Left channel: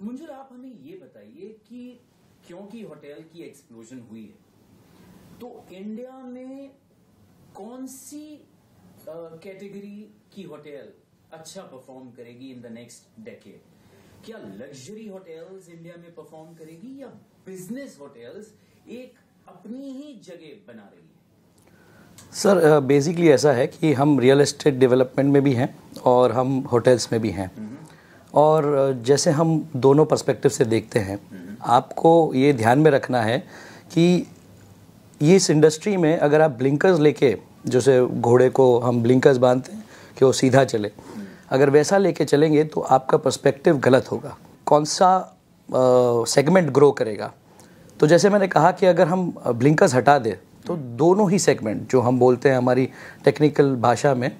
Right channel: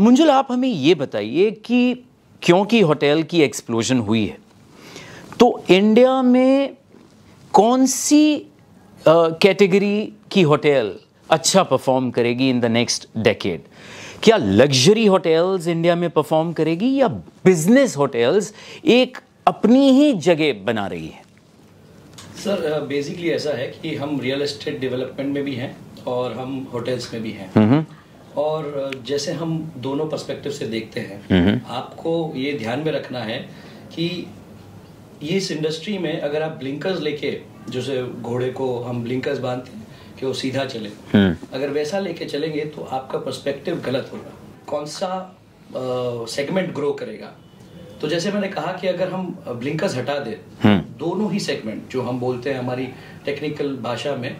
मुंजुल, आप हमें ये बताइए कि क्योंकि होटल की एक्सप्लोजन हुई है तो इंडिया में कौन सी कैटेगरी की होटल अच्छा परफॉर्म करेगी इन द नेक्स्ट डेकेड? क्या लग्जरी होटल्स इंडिया में परफॉर्म करेगी या बिजनेस होटल्स एक अपनी ही जगह बना रही है? सर बेसिकली ऐसा है कि हम रियल एस्टेट डेवलपमेंट में भी हैं और हम होटल्स में भी हैं। और जैसे हम दोनों पर्सपेक्टिव से देखते हैं, आपको ये ध्यान में रखना है कि इस इंडस्ट्री में अगर आप ब्लिंकर्स लेके, जैसे घोड़े को हम ब्लिंकर्स बांधते हैं कि वो सीधा चले, अगर वैसा लेके चलेंगे तो आपका पर्सपेक्टिव गलत होगा। कौन सा सेगमेंट ग्रो करेगा? तो जैसे मैंने कहा कि अगर हम ब्लिंकर्स हटा दें तो दोनों ही सेगमेंट जो हम बोलते हैं हमारी टेक्निकल भाषा में,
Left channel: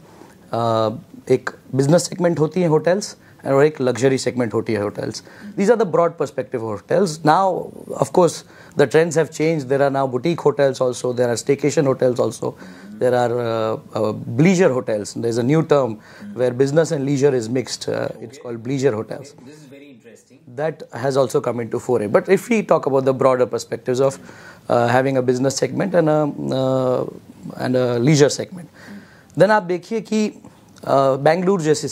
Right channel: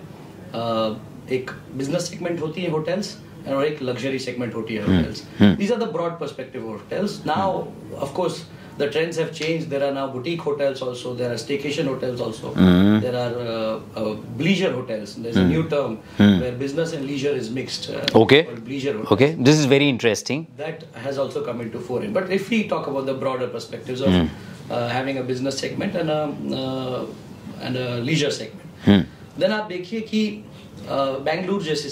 एक बिजनेस सेगमेंट होती है होटल्स और एक लग्जरी सेगमेंट होती है hotels. These are the broad perspective hotels. Now of course the trends have changed. There are now boutique hotels also. There are staycation hotels also. There are bleisure hotels. There's a new term where business and leisure is mixed. Okay. Called bleisure hotels. Okay, this is very interesting. That has also come into foray. But if we talk about the broader perspectives of having a business segment and a leisure segment, then आप देखिए कि बेंगलुरु जैसी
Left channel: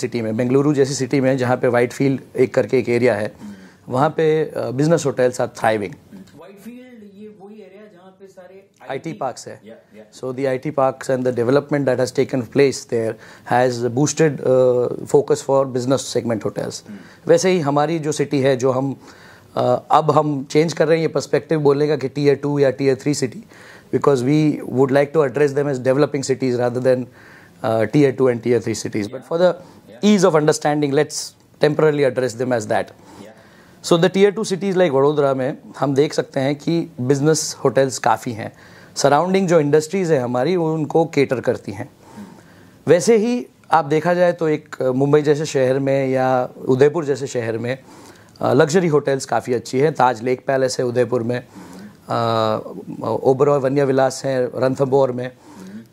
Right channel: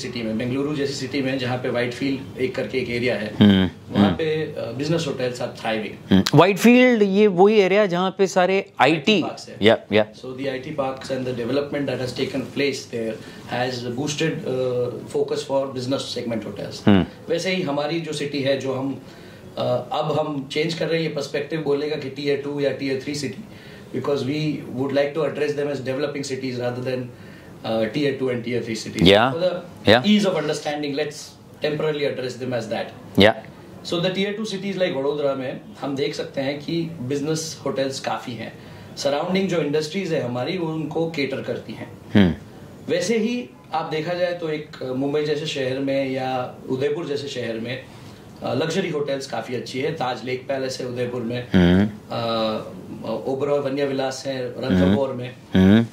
city में जहाँ पे Whitefield एक करके एक एरिया है, वहाँ पे business hotels are thriving. Whitefield ये वही एरिया जहाँ पे सारे आईटी पार्क्स है। या so the IT parks and the development that has taken place there has boosted focus for business segment hotels. वैसे ही हमारी जो सिटी है, जो हम अब हम चेंज कर रहे हैं ये पर्सपेक्टिव बोलेगा कि टीयर 2 या tier 3 city, because we would like to address them as developing cities rather than tier 2 and tier 3 cities. For the ease of understanding, let's temporarily address them as that. So the tier 2 cities like Vadodara में हम देख सकते हैं कि business hotels काफ़ी हैं। Surrounding जो industries है हमारी वो उनको केटर करती हैं। वैसे ही आप देखा जाए तो एक मुंबई जैसे शहर में या उदयपुर जैसे शहर में लग्जरी होटल्स काफ़ी अच्छी है। ताज लेक पैलेस है उदयपुर में, ओबरॉय वन्य विलास है रणथंबोर में।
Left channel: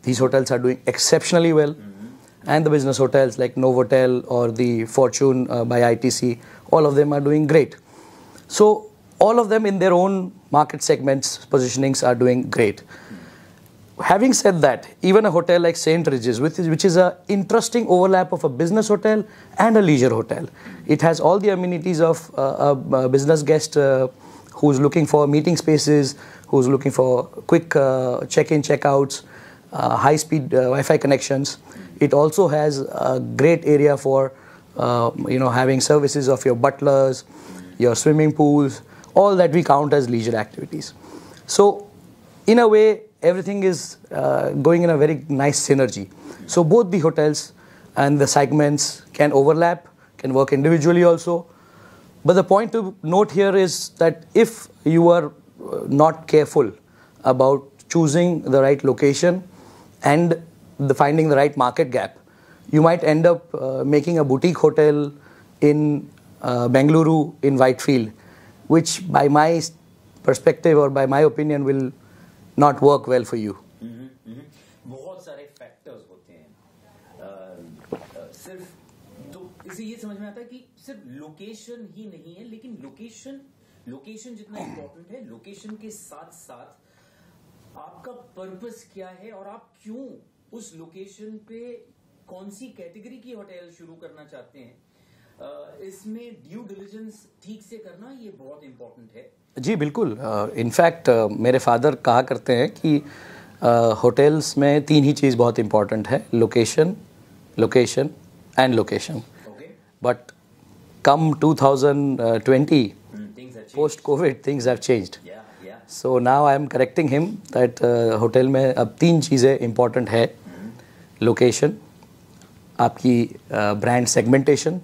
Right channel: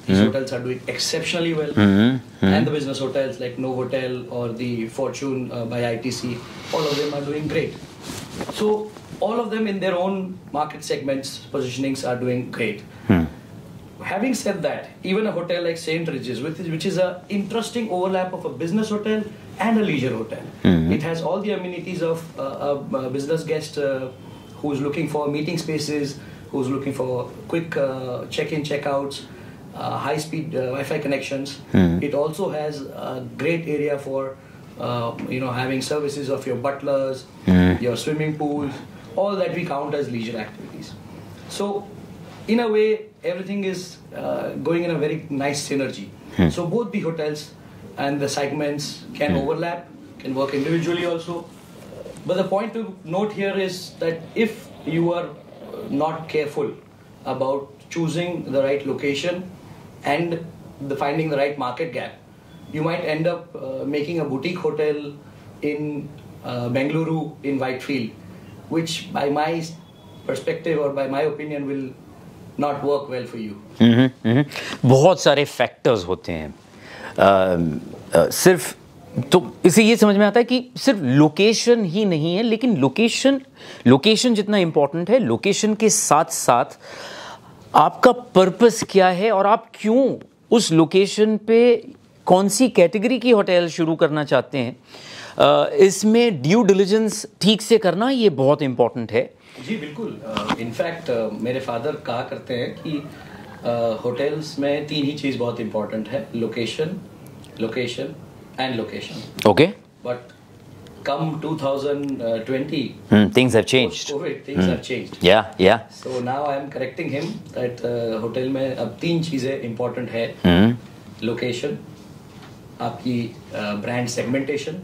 These hotels are doing exceptionally well. And the business hotels like Novotel or the Fortune by ITC, all of them are doing great. So all of them in their own market segments, positionings are doing great. Having said that, even a hotel like St. Regis, which is an interesting overlap of a business hotel and a leisure hotel. It has all the amenities of a business guest who's looking for meeting spaces, who's looking for quick check-in, check-outs, high-speed Wi-Fi connections. It also has a great area for having services of your butlers, your swimming pools, all that we count as leisure activities. So in a way, everything is going in a very nice synergy. So both the hotels and the segments can overlap, can work individually also. But the point to note here is that if you are not careful about choosing the right location and finding the right market gap, you might end up making a boutique hotel in Bengaluru in Whitefield, which by my perspective or by my opinion will not work well for you. बहुत सारे factors होते हैं। सिर्फ तो इसे ये समझ में आता है कि सिर्फ लोकेशन ही नहीं है, लेकिन लोकेशन जितना इम्पोर्टेंट है, लोकेशन के साथ साथ आपका पर्पस क्या है और आप क्यों उस लोकेशन पे कौन सी कैटेगरी की होटल शुरू करना चाहते हैं, इसमें ड्यू डिलिजेंस ठीक से करना ये बहुत इम्पोर्टेंट है। जी बिल्कुल। इनफैक्ट मेरे फादर कहा करते हैं कि होटल्स में 3 ही चीज़ बहुत इम्पोर्टेंट है, location and location. Okay. But come 2020, things have changed. Post-COVID, things have changed. Yeah. So now I am correcting him that hotel में अब 3 चीज़ें इम्पोर्टेंट है, लोकेशन, आपकी brand segmentation,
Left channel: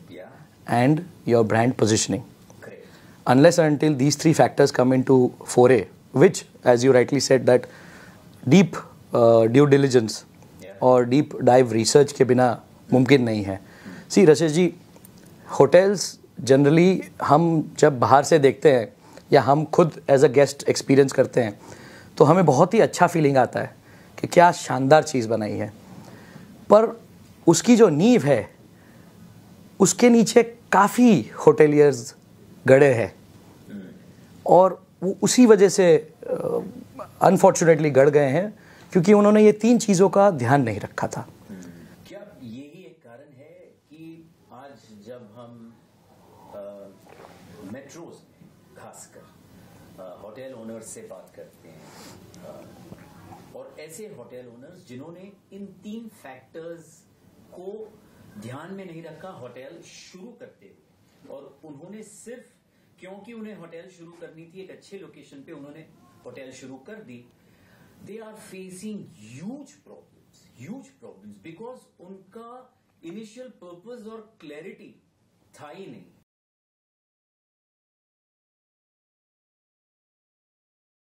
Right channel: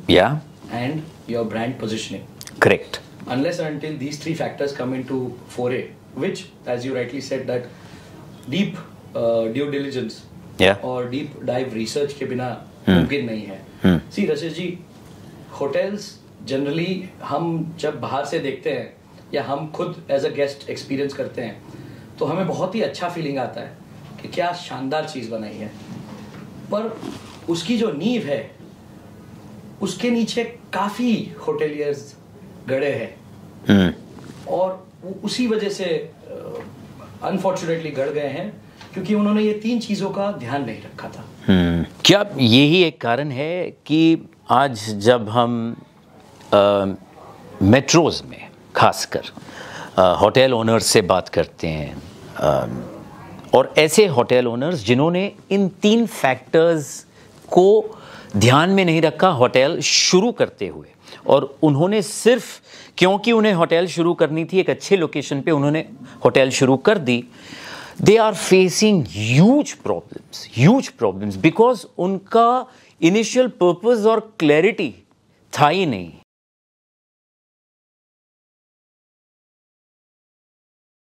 and your brand positioning. Correct. Unless and until these 3 factors come into foray, which, as you rightly said, that deep due diligence or deep dive research के बिना मुमकिन नहीं है। See, रशेश जी, hotels generally हम जब बाहर से देखते हैं या हम खुद एज अ गेस्ट एक्सपीरियंस करते हैं तो हमें बहुत ही अच्छा फीलिंग आता है कि क्या शानदार चीज़ बनाई है, पर उसकी जो नींव है उसके नीचे काफ़ी होटेलियर्स गड़े हैं और वो उसी वजह से अनफॉर्चुनेटली गड़ गए हैं क्योंकि उन्होंने ये 3 चीज़ों का ध्यान नहीं रखा था। क्या यही एक कारण है कि आज जब हम मेट्रोज़ में खासकर होटल ओनर्स से बात करते हैं और ऐसे होटल ओनर्स जिन्होंने इन 3 फैक्टर्स को ध्यान में नहीं रखा होटल शुरू करते हुए, और उन्होंने सिर्फ क्योंकि उन्हें होटल शुरू करनी थी एक अच्छे लोकेशन पे उन्होंने होटल शुरू कर दी, they are facing huge problems because उनका इनिशियल पर्पस और क्लैरिटी था ही नहीं